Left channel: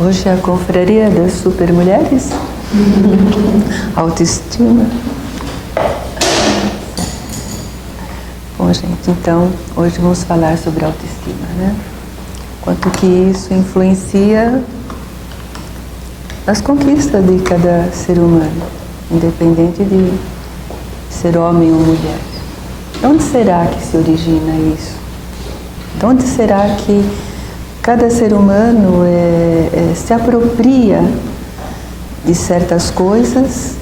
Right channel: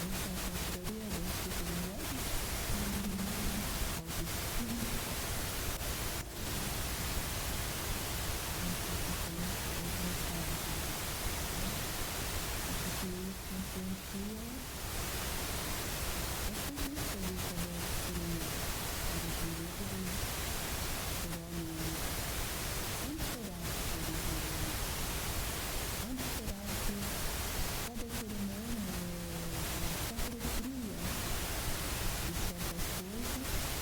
Hoje é a confraria das supermulheres. Autoestima. Bom, gente, então, hoje vamos falar sobre autoestima, né? Quanto que isso influencia as conquistas de cada ser humano, independente de ser homem ou mulher. De onde será que se origina isso? De onde será que cada ser humano se apropria de certas coisas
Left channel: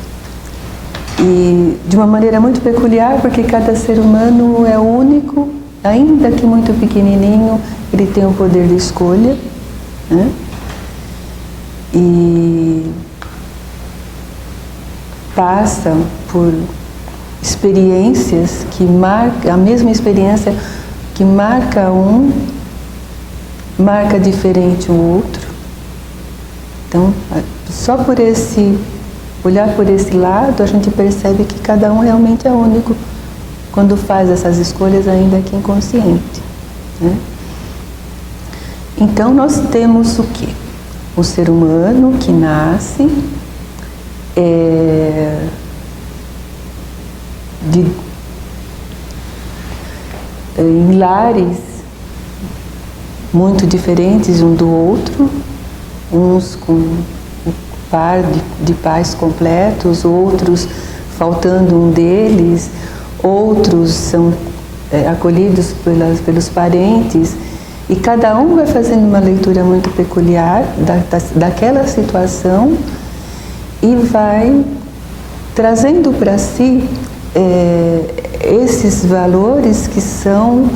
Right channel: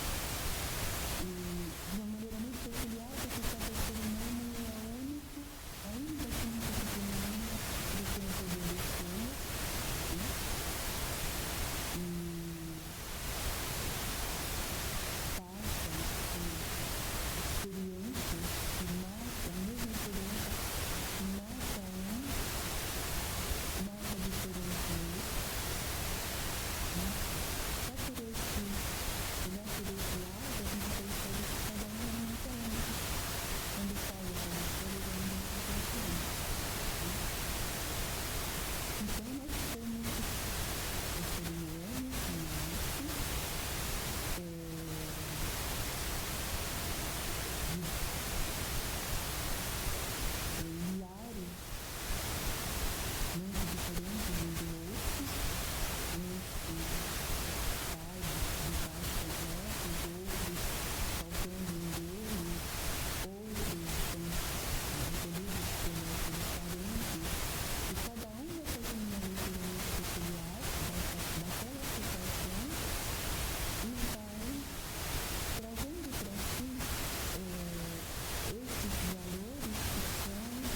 e de uma maneira muito peculiar, porque cada ser humano é único, ainda que muito pequenininho, ele tem o poder de escolha, né? E passa por experiências que marcam, a mesma experiência que marca um, marca diferente o outro. Então, só por olhar por esse lado, a gente percebe que cada um realmente é único quando faz essas escolhas, ainda que inconsciente, né? Então, nós temos o quê? O ser humano que nasce em lares muito diferentes um do outro, uns com o par de pais completos, outros faltando um deles, outros são acolhidos pelos parentes, e cada um vai fazendo uma leitura muito peculiar daquela situação e vai trazendo para si esses valores que são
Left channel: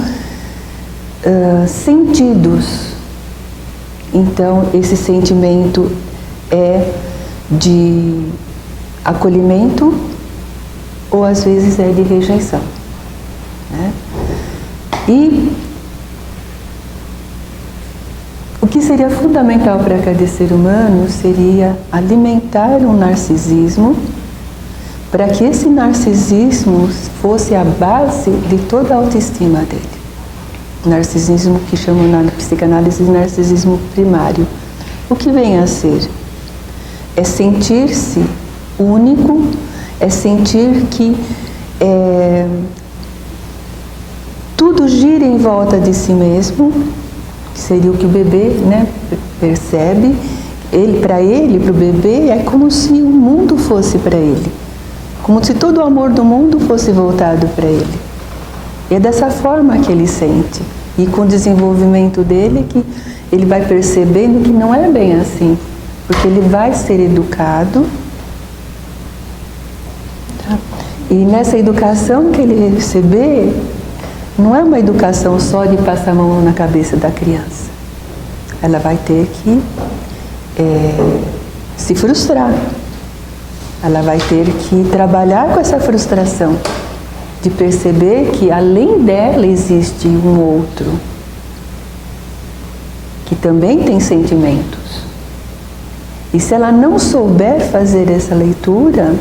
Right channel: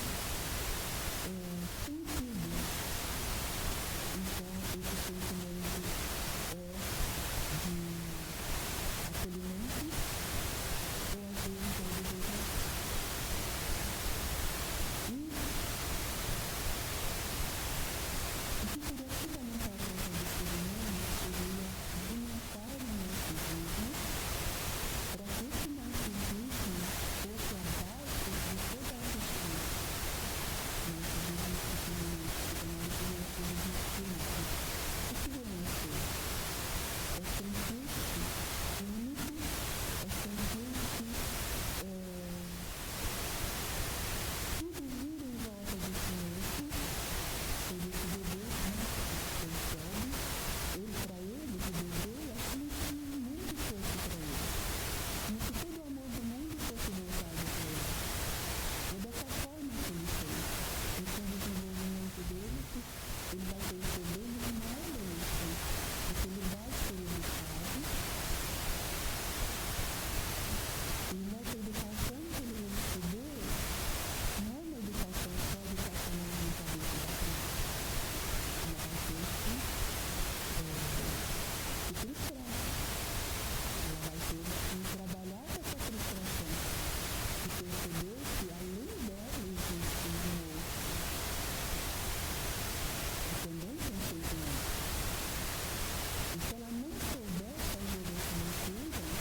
sentidos. Então, esse sentimento é de acolhimento ou às vezes é de rejeição, né? E o que seria fundamental para cada ser humano seria alimentar um narcisismo, para que esse narcisismo fosse a base de toda a autoestima dele. O narcisismo que chamam na psicanálise de narcisismo primário. O que vem a ser? É sentir-se único, é sentir que tudo gira em volta de si mesmo, que seria o que o bebê, né, percebe. Para o bebê, é como se o mundo fosse para ele. Como se todo o amor do mundo fosse voltado para ele. E é dessa forma que ele sente. E com o desenvolvimento dele, que ele vai percebendo que não é bem assim. Porque ele vai ser educado. Tá? E nessa educação que ele receber, não é uma educação só de passar a mão na cabeça da criança. Ela vai ter que se frustrar. Ela vai ter que trabalhar com essa frustração, de perceber que além dela existe um outro, que também tem sentimentos. E se ela não souber fazer essa leitura,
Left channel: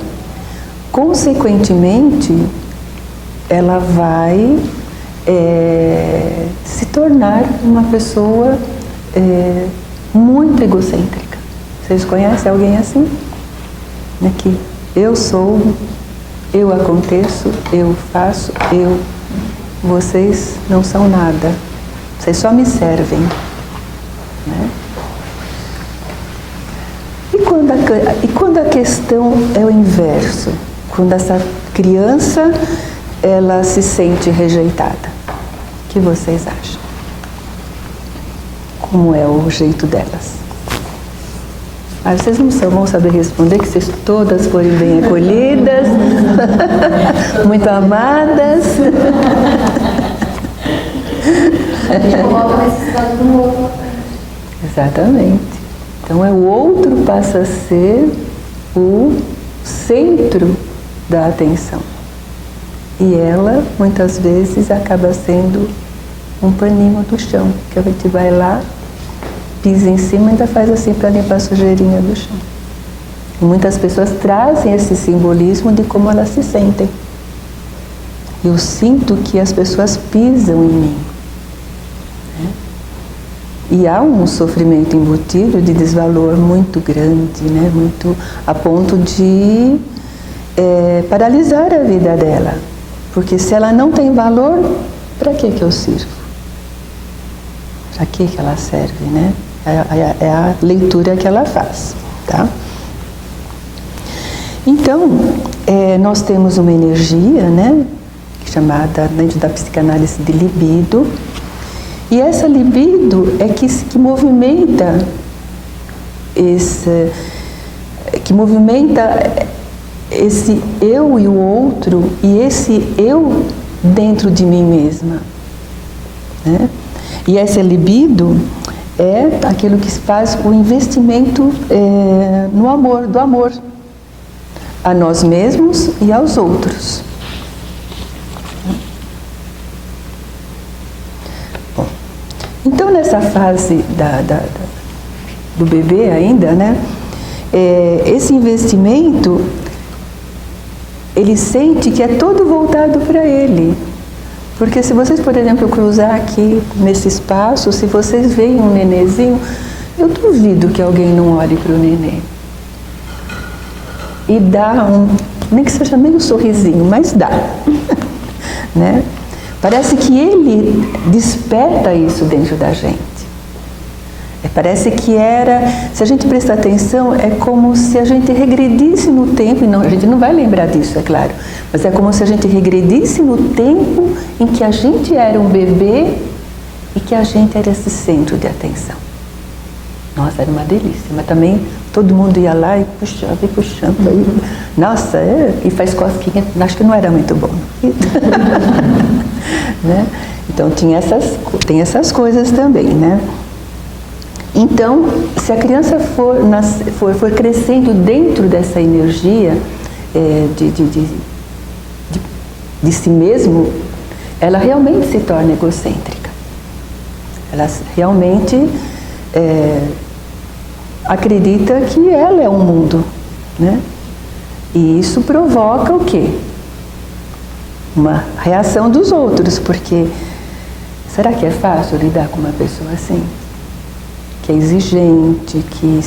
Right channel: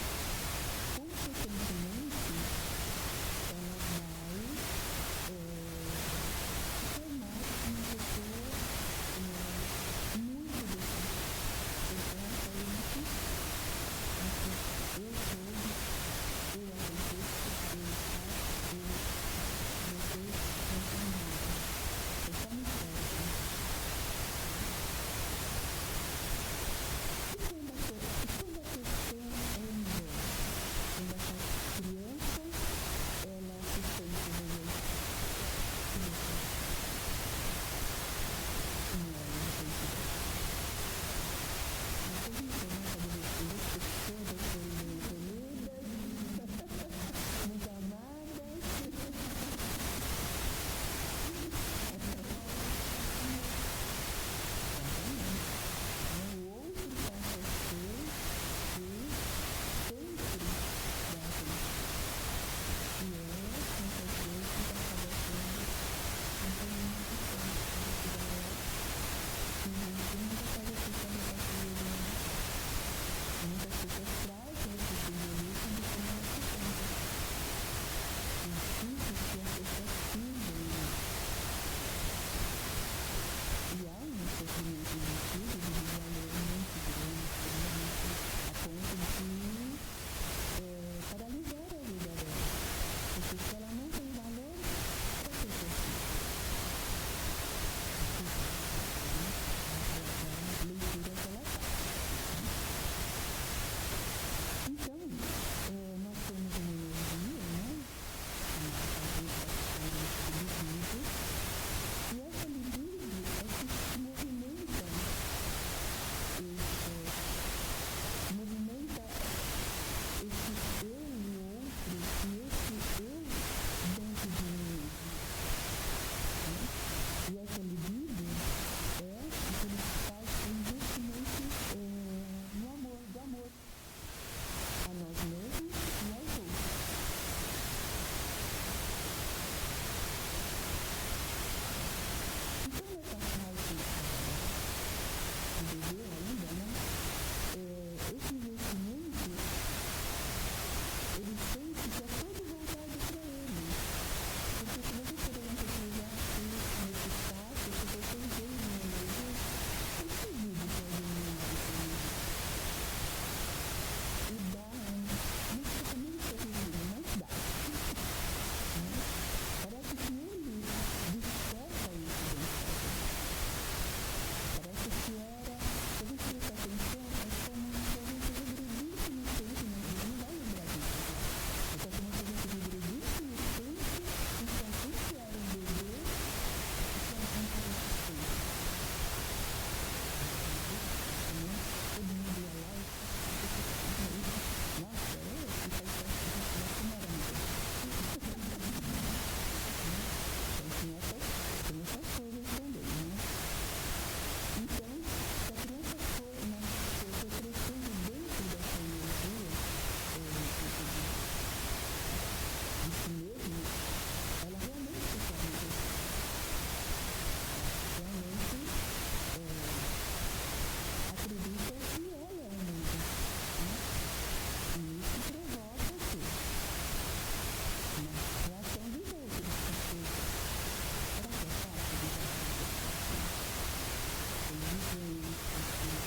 consequentemente, ela vai se tornar uma pessoa muito egocêntrica. Vocês conhecem alguém assim? Que eu sou, eu aconteço, eu faço, vocês não são nada, vocês só me servem, né? E quando a questão é o inverso, quando essa criança ela se sente rejeitada, o que vocês acham? Como é o jeito delas? Vocês não vão saber responder, que vocês todas forem bem acolhidas, muito amadas. A gente coloca a necessidade do outro. Exatamente. Então o outro passa a ser o centro da atenção. E ela, muitas vezes, acaba sendo um paninho do chão, que a gente vai lá, pisa em cima e ainda faz assim para limpar a sujeirinha do chão. E muitas pessoas trazem esse simbolismo de como elas se sentem. Eu sinto que as pessoas pisam em mim. E há um sofrimento embutido de desvalor muito grande, né? Muito a ponto de paralisar a vida dela. Porque se ela não tem valor, para que eu sirvo? Para que ela serve, né? É a leitura que ela faz, tá? Então, nós temos uma energia, né? Chamada, dentro da psicanálise, de libido. E essa libido é que movimenta esse eu e o outro, e esse eu dentro de mim mesma, né? E essa libido é aquilo que faz o investimento no amor, do amor a nós mesmos e aos outros. Bom, então nessa fase do bebê ainda, né? Esse investimento, ele sente que é todo voltado para ele. Porque se vocês, por exemplo, cruzar aqui nesse espaço, se vocês veem um nenezinho, eu duvido que alguém não olhe para o nenê. E dá nem que seja meio sorrisinho, mas dá. Né? Parece que ele desperta isso dentro da gente. Parece que se a gente prestar atenção, é como se a gente regredisse no tempo, e não, a gente não vai lembrar disso, é claro, mas é como se a gente regredisse no tempo em que a gente era um bebê e que a gente era esse centro de atenção. Nossa, era uma delícia, mas também todo mundo ia lá e puxando, aí, nossa, e faz cosquinha, acho que não era muito bom. Né? Então tem essas coisas também, né? Então, se a criança for crescendo dentro dessa energia de si mesmo, ela realmente se torna egocêntrica. Ela realmente acredita que ela é um mundo, né? E isso provoca o quê? Uma reação dos outros, porque será que é fácil lidar com uma pessoa assim? Que é exigente, que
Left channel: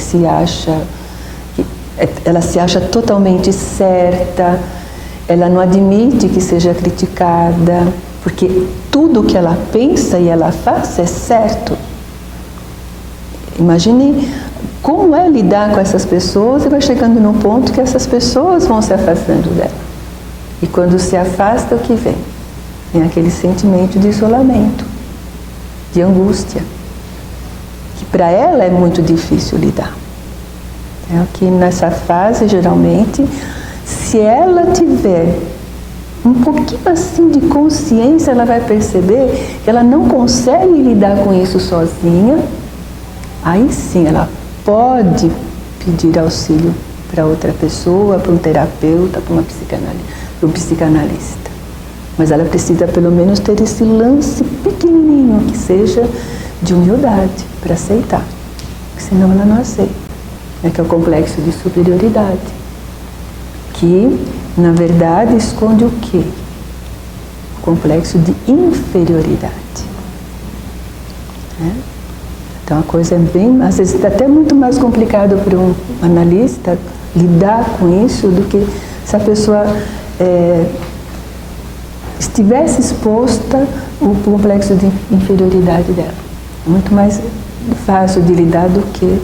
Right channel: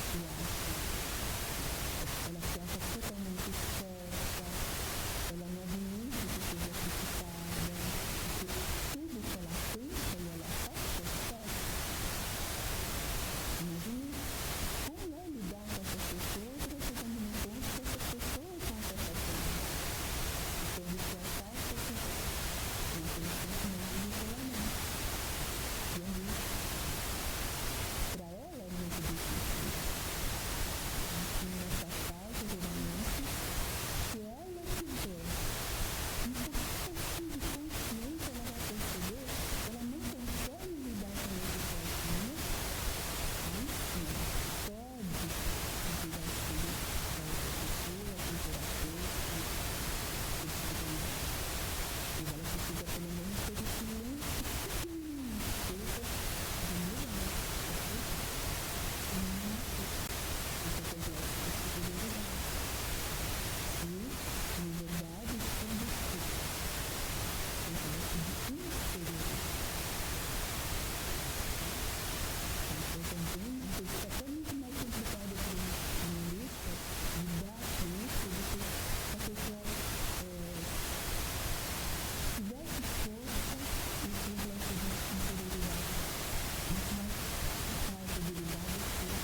ela se acha totalmente certa, ela não admite que seja criticada, porque tudo que ela pensa e ela faz é certo. Imagine como é lidar com essas pessoas e vai chegando num ponto que essas pessoas vão se afastando dela. E quando se afasta, o que vem? Vem aquele sentimento de isolamento, de angústia. Para ela é muito difícil lidar. Que nessa fase, geralmente, se ela tiver um pouquinho assim de consciência, ela vai perceber que ela não consegue lidar com isso sozinha. Aí sim, ela pode pedir auxílio para outra pessoa, para um terapeuta, para um psicanalista. Mas ela precisa pelo menos ter esse lance pequenininho, que seja de humildade, para aceitar, porque senão ela não aceita, que é o complexo de superioridade, que na verdade esconde o quê? O complexo de inferioridade. Então a coisa é bem, às vezes até muito mais complicado para um analista lidar com isso do que se a pessoa estivesse exposta ao complexo de inferioridade dela. É muito mais fácil de lidar do que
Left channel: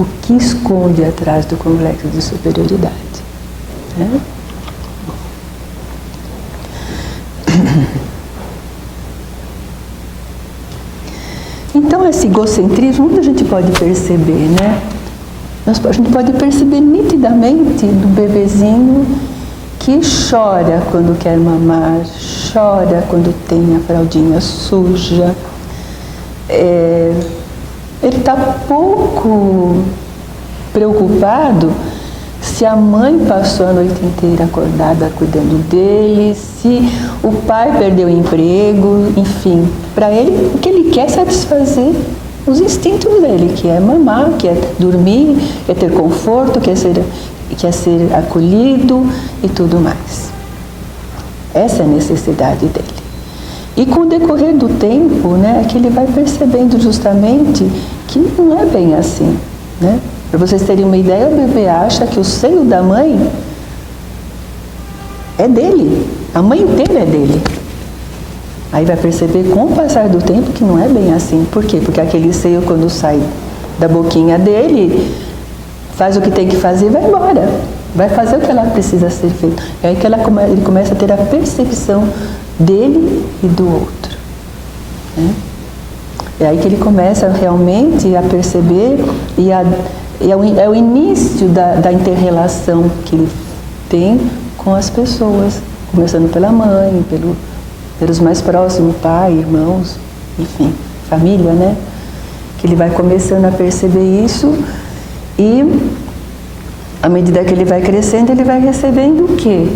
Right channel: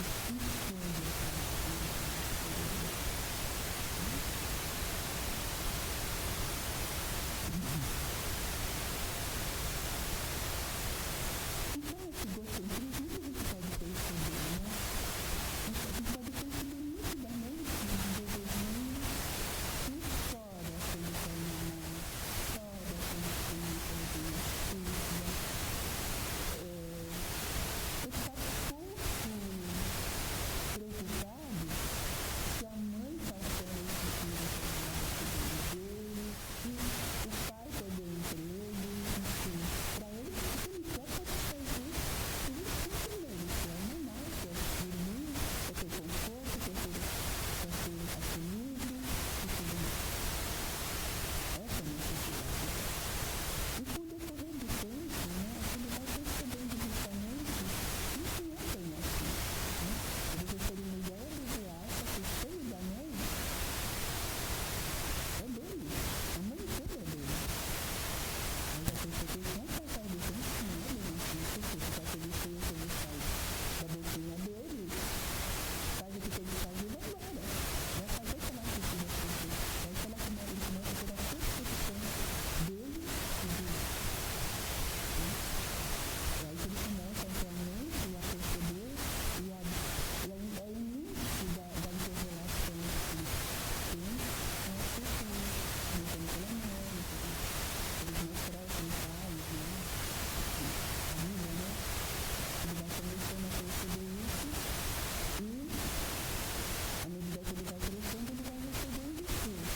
o que esconde atrás do complexo de superioridade. Né? Então, esse egocentrismo, muita gente pode perceber, né? A gente pode perceber nitidamente do bebezinho que chora quando quer mamar, chora quando tem a fraldinha suja. Ele está pouco preocupado se a mãe passou a noite inteira acordada cuidando dele, se o pai perdeu o emprego, enfim. Para ele, o que ele quer é satisfazer os instintos dele, que é mamar, que é dormir, que é ter conforto, que é ser acolhido e tudo mais. Essa é a necessidade dele. E com o decorrer do tempo, né, que ele vai percebendo justamente que não é bem assim, né? Para vocês terem uma ideia, o bebê acha que o seio da mãe é dele, a mãe inteira é dele. Aí vai perceber com o passar do tempo que não é bem assim. Por quê? Porque aquele seio, quando sai da boquinha dele, faz o que tem que fazer e vai embora. Vai fazer o que ela precisa ser feito. É aí que ele começa a ter a percepção dele e do outro, né? É aí que ele começa realmente a perceber e é o início da inter-relação que ele tem com as pessoas, começando pela mãe, pelos mais próximos, pai, irmãos, enfim, família, né? Que ele vai começando a perceber isso e, à medida que ele vai crescendo, ele vai recebendo o quê?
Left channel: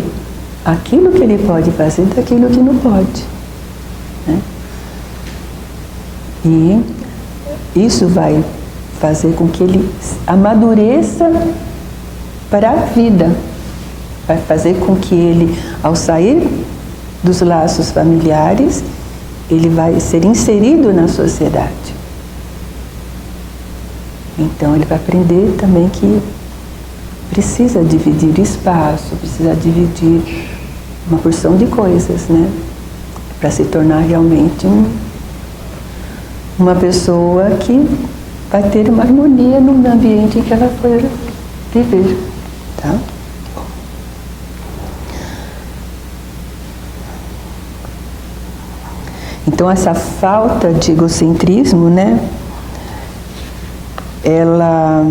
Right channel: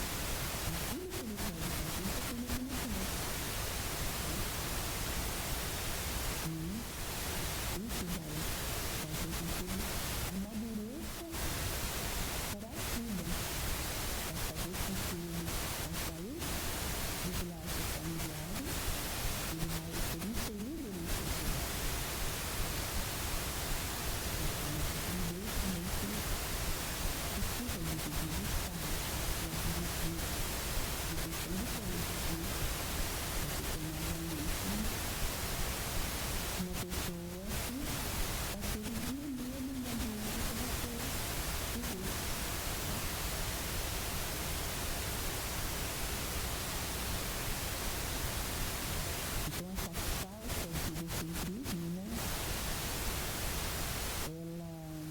Aquilo que ele pode fazer daquilo que não pode, né? E isso vai fazer com que ele amadureça para a vida. Vai fazer com que ele, ao sair dos laços familiares, ele vai ser inserido na sociedade. Então ele vai aprender também que precisa dividir espaço, precisa dividir uma porção de coisas, né? Para se tornar realmente uma pessoa que vai ter uma harmonia no ambiente em que ela for viver, tá? Então essa falta de egocentrismo, né? Ela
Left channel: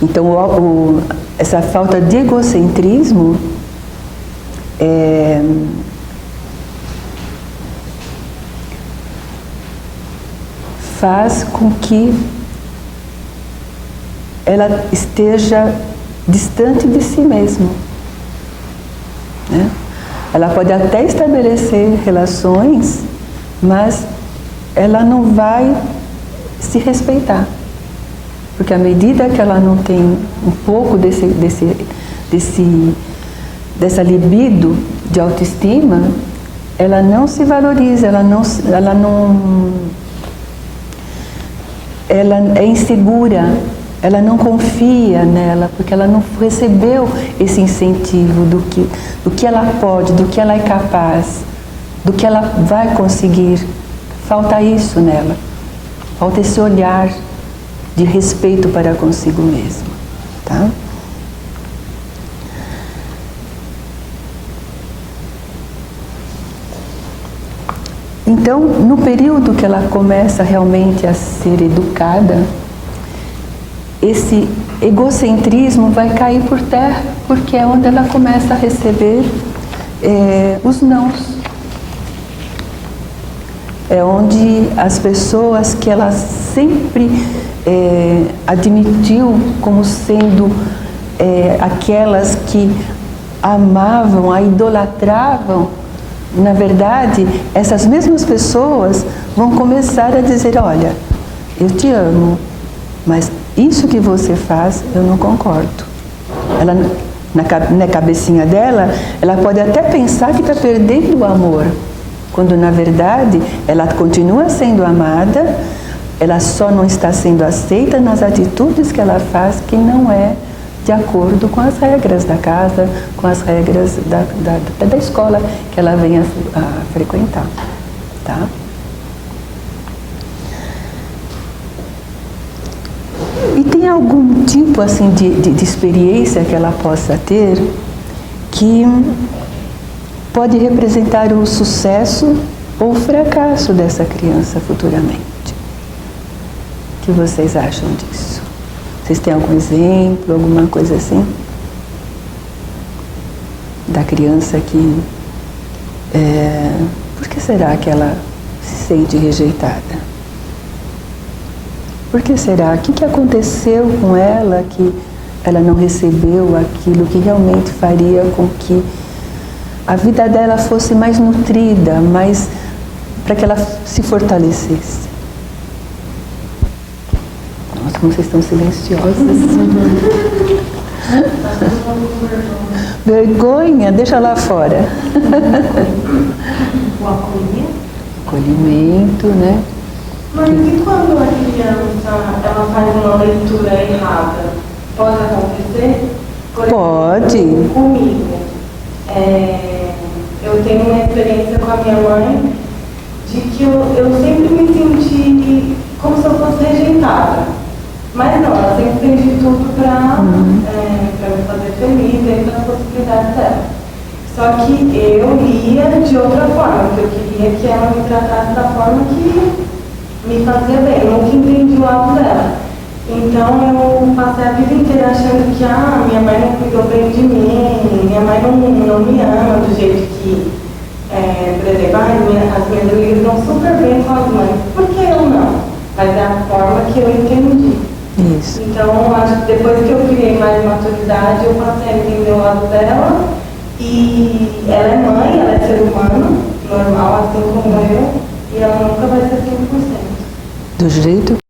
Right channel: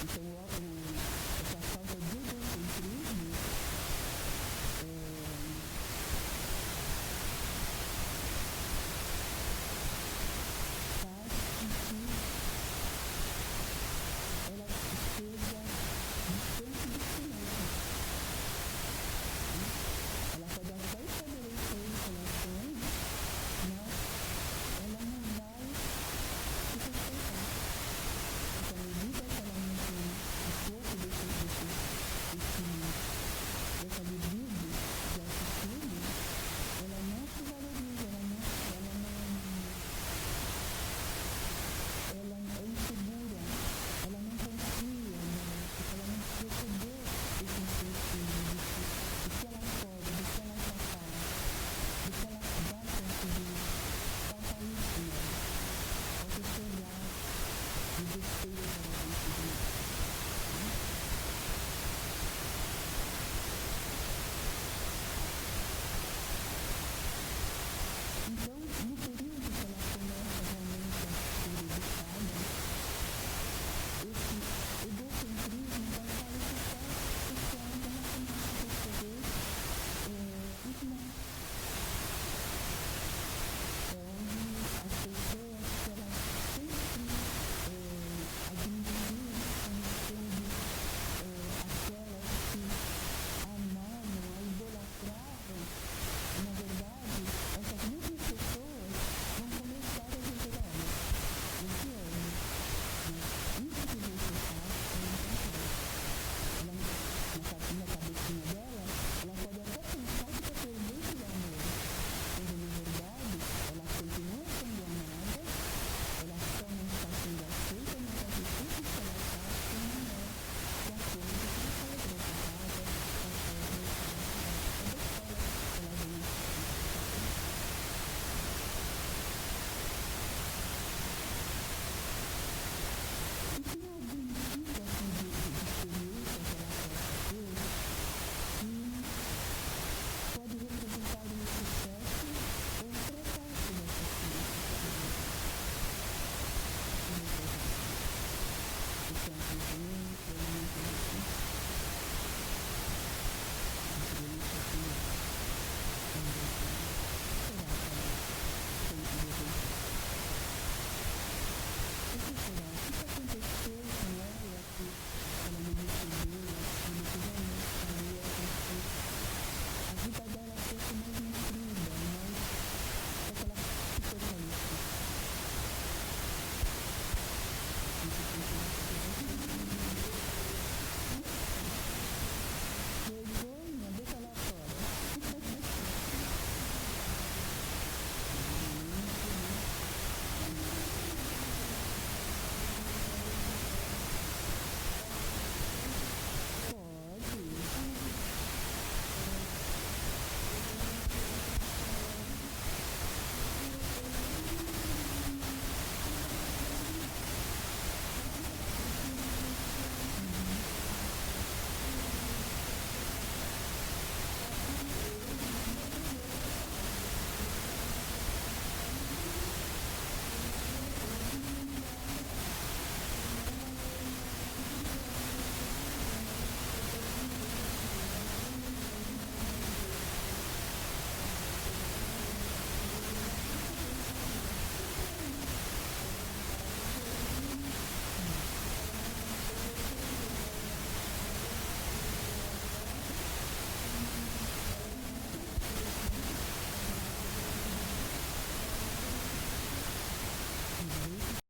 então essa falta de egocentrismo faz com que ela esteja distante de si mesma, né? Ela pode até estabelecer relações, mas ela não vai se respeitar. Porque à medida que ela não tem um pouco dessa libido de autoestima, ela não se valoriza, ela é insegura, ela não confia nela, porque ela não recebeu esse incentivo do que ela pode, do que ela é capaz, do que ela vai conseguir. Falta isso nela, falta esse olhar de respeito para consigo mesma, tá? Então, no período que ela começa realmente a ser educada, esse egocentrismo vai cair por terra, porque é onde ela começa a receber os nãos. É onde as pessoas que ela sempre admitiu como sendo aquelas que amavam, a idolatravam, na verdade, essas mesmas pessoas vão começar a dizer: olha, eu te amo, mas isso que você faz, eu não concordo. Ela, na cabecinha dela, ela pode até pensar que está perdendo o amor, quando na verdade ela continua sendo amada, ela só não está sendo aceita nas atitudes que ela faz, que não é de acordo com as regras da casa, com as regras da escola que ela vem a frequentar, tá? E tem algum tipo assim de experiência que ela possa ter que pode representar o sucesso ou o fracasso dessa criança futuramente? O que vocês acham disso? Vocês têm algum exemplo, alguma coisa assim? Da criança que... por que será que ela se sente rejeitada? Por que será? O que aconteceu com ela que ela não recebeu aquilo que realmente faria com que a vida dela fosse mais nutrida, para que ela se fortalecesse? Nossa, Como vocês estão silenciosas. Vergonha, deixa lá fora. O acolhimento. Acolhimento, né? Mas e quando a criança ela faz uma leitura errada? Pode acontecer? Por Pode. exemplo, comigo. Eu tenho uma experiência com a minha mãe de que eu sempre me senti como se eu fosse rejeitada. Mas não, ela sempre fez de tudo para me fazer feliz dentro das possibilidades dela. Só que eu ia de outra forma, porque eu queria que ela me tratasse da forma que me fazia bem. Eu nunca entendi o lado dela. Então eu passei a vida inteira achando que minha mãe não cuidou bem de mim, minha mãe não me ama do jeito que, por exemplo, as minhas amigas dão super bem com as mães. Por que eu não? Mas é a forma que eu entendi. Isso. Então, acho que depois que eu criei mais maturidade, eu passei a entender o lado dela. E ela é mãe, ela é ser humano, normal, assim como eu, e ela nunca vai ser 100%. Do jeito